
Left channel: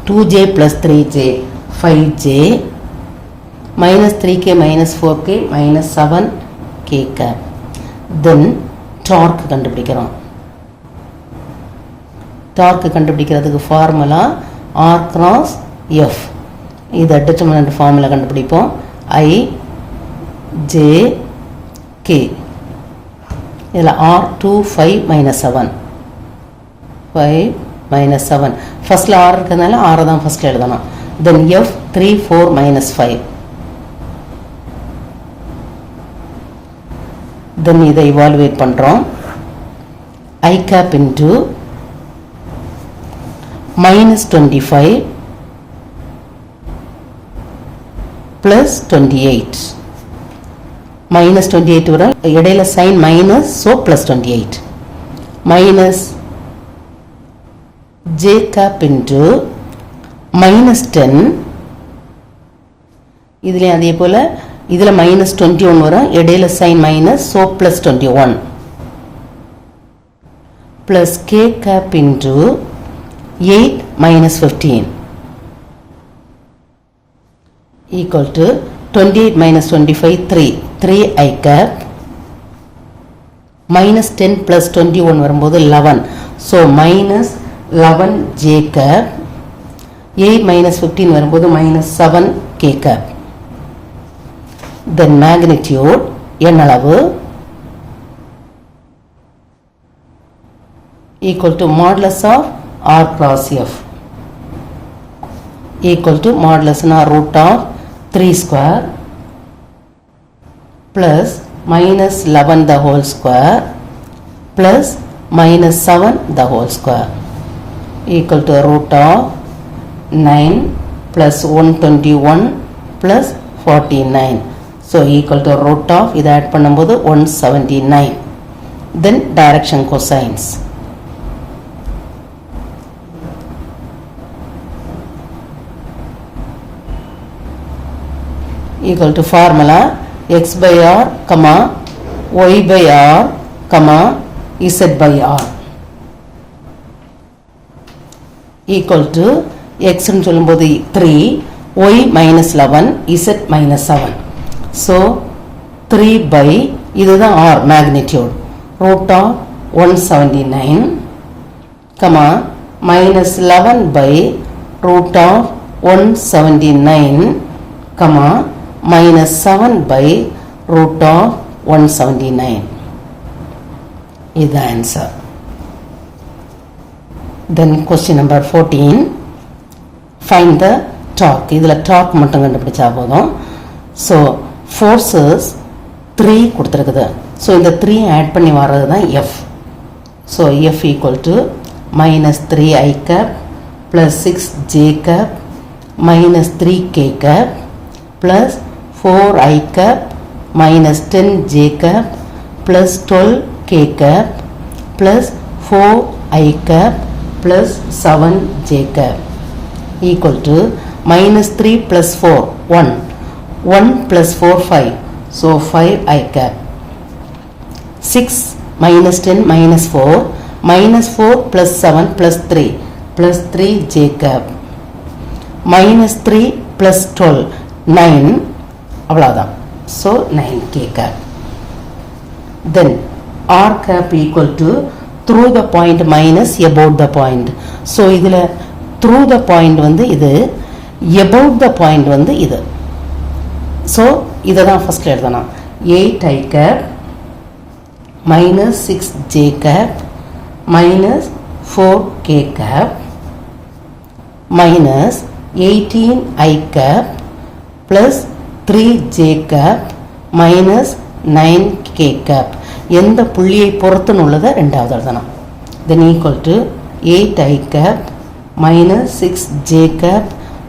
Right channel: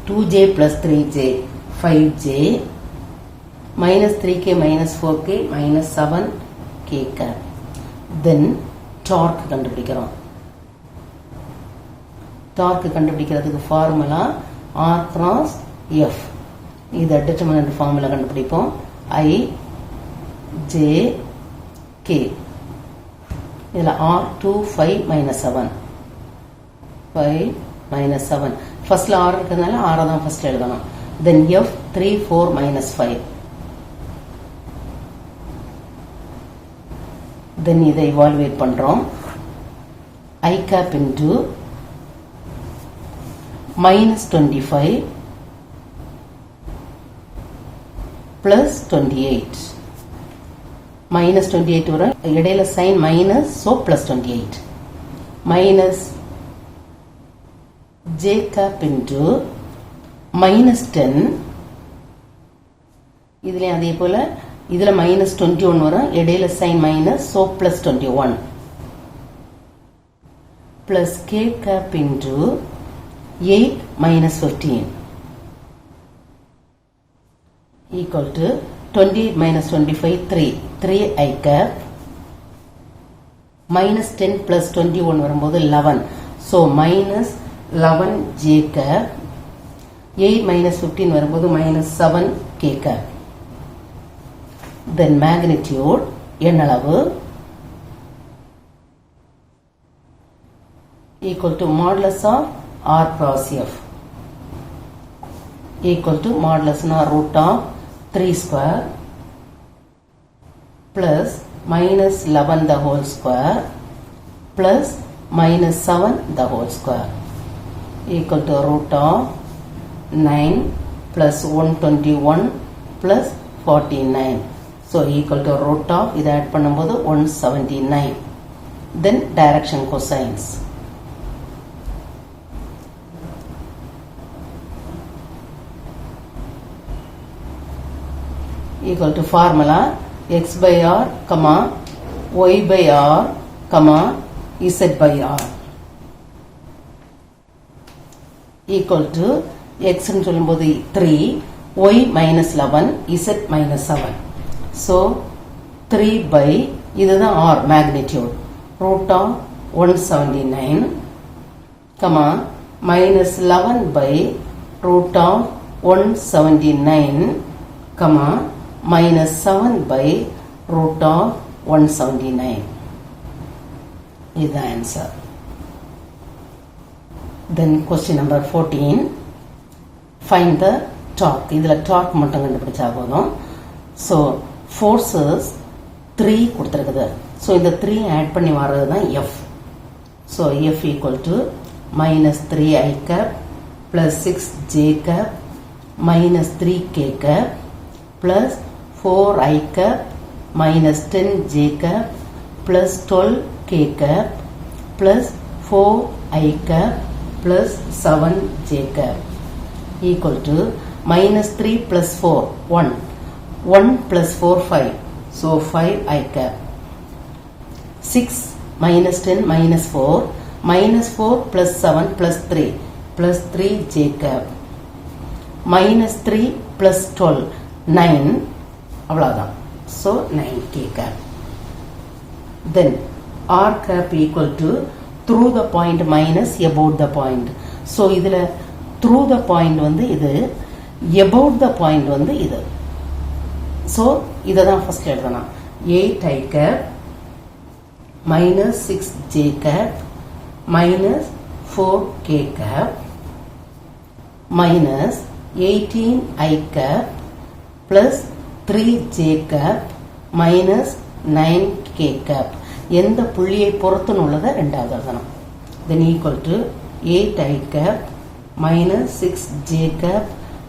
2j plus 3j 5j minus 3k minus 4k minus 7k cap. Then torque கண்டுபிடிக்கிறோம். torque கண்டுபிடிக்கிறதுக்கு formula R cross F. இதை determinant formula கண்டுபிடிப்போம். I J K. இதில் R 2 5 minus 7 5 minus 7. ஃபர்ஸ்ட்ல R இருக்கிறதுனால R தான் ஃபர்ஸ்ட் எழுதணும். Then F 3 4 minus 5. Then இதை evaluate பண்றோம். I cap into minus 25 plus 28. minus 28 வரும், இடையில sign minus, so plus 28 minus j cap into minus 10. இதுல அதே போல இதுல minus 21 வரும், இடையில sign minus, so plus 21 plus k cap into 8 minus 15 equal to 28 minus 25 3i cap minus 10 plus 21 வரும்போது 11, so minus 11j cap 8 minus 15 வரும்போது minus 7k cap then magnitude எண்ணளவு equal to modulus of r cross f equal to modulus or root of 3 square plus minus 11 the whole square plus minus 7 the whole square equal to root of 9 plus 121 plus 49. So equal to root of இது add பண்ணும்போது 179. Then direction cosines. Equal to formula x by r, comma y by r, comma z by r equal to x ன்னு சொல்லும்போது 3, y minus 11, z minus 7. So 3 by இதுதான் r magnitude root of 179, comma minus 11 by root of 179, comma minus 7 by root of 179. Is the answer. Then question number 14. Find the torque. இதில் torque மட்டும் கண்டுபிடிச்சா போதும். So forces 3 கொடுத்துருக்குது. So இந்த 3 add பண்ணி வர்றது தான் F. So F equal to minus 3i cap plus 6j cap minus 3k cap plus 4i cap minus 10j cap plus 12k cap plus 4i cap plus 7j cap equal to minus 3 plus 4 1 1 plus 4 5, so 5i cap 6 minus 10 minus 4 minus 4 plus 7 plus 3 plus 3j cap minus 3 plus 12 9 அவ்வளவுதான். So 9k cap. Then r cap equal to through the point minus above the point. So இதில் through the point வந்து இது, above the point வந்து இது. So இதை தான் first எழுதணும். 8i cap minus 6j cap minus 4k cap minus 18i cap plus 3j cap minus 9k cap. எந்த புள்ளியை பொறுத்துன்னு உள்ளதை ரெண்டாவது எழுதணும். Then equal to 8i cap minus 6j cap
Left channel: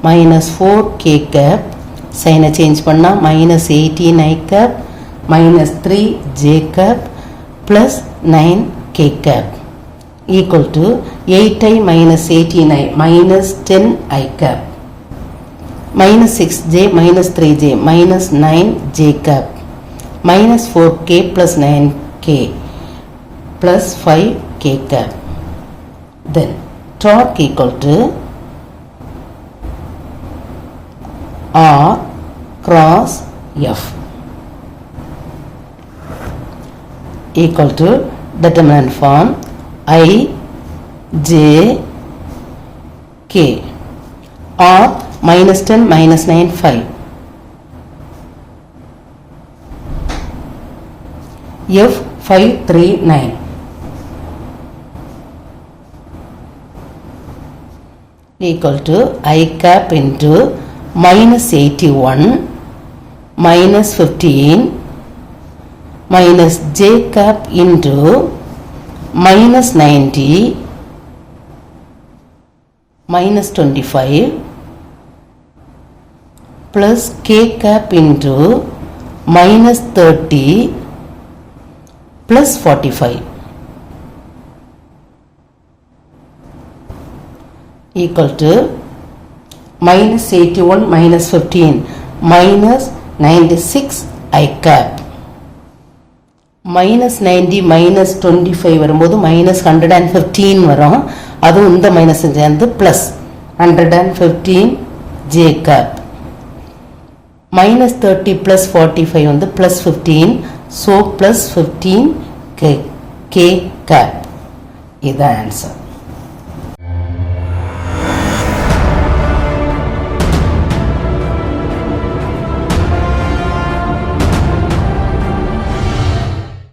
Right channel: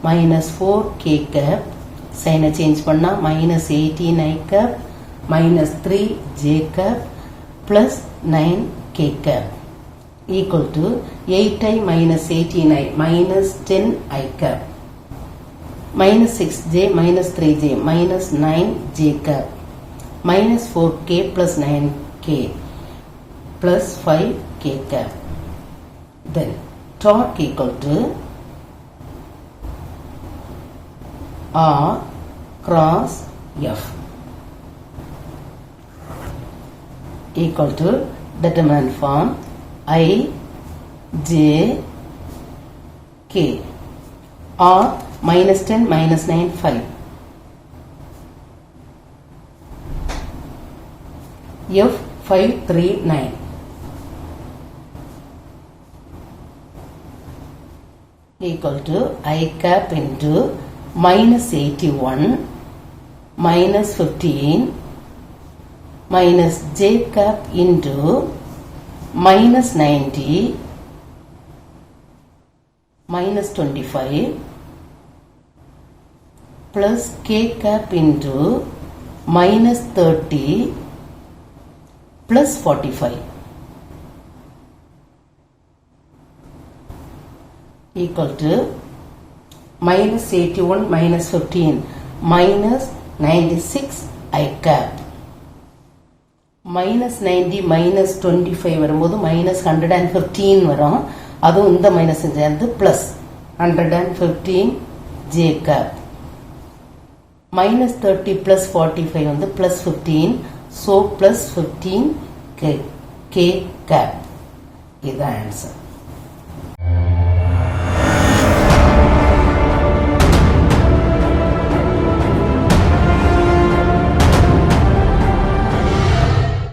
minus 4k cap. சைனை சேஞ்ச் பண்ணால் minus 18i cap minus 3j cap plus 9k cap equal to 8i minus 18i minus 10i cap minus 6j minus 3j minus 9j cap minus 4k plus 9k plus 5k cap. Then torque equal to R cross F equal to determinant form I J K. R minus 10 minus 9 5. F 5 3 9 equal to I cap into minus 81 minus 15 minus j cap into minus 90 minus 25 plus k cap into minus 30 plus 45 equal to minus 81 minus 15 minus 96 I cap minus 90 minus 25 வரும்போது minus 115 வரும். அதுவும் இந்த மைனஸ் சேர்ந்து plus 115 j cap minus 30 plus 45 வந்து plus 15, so plus 15 k cap. இது ஆன்சர்.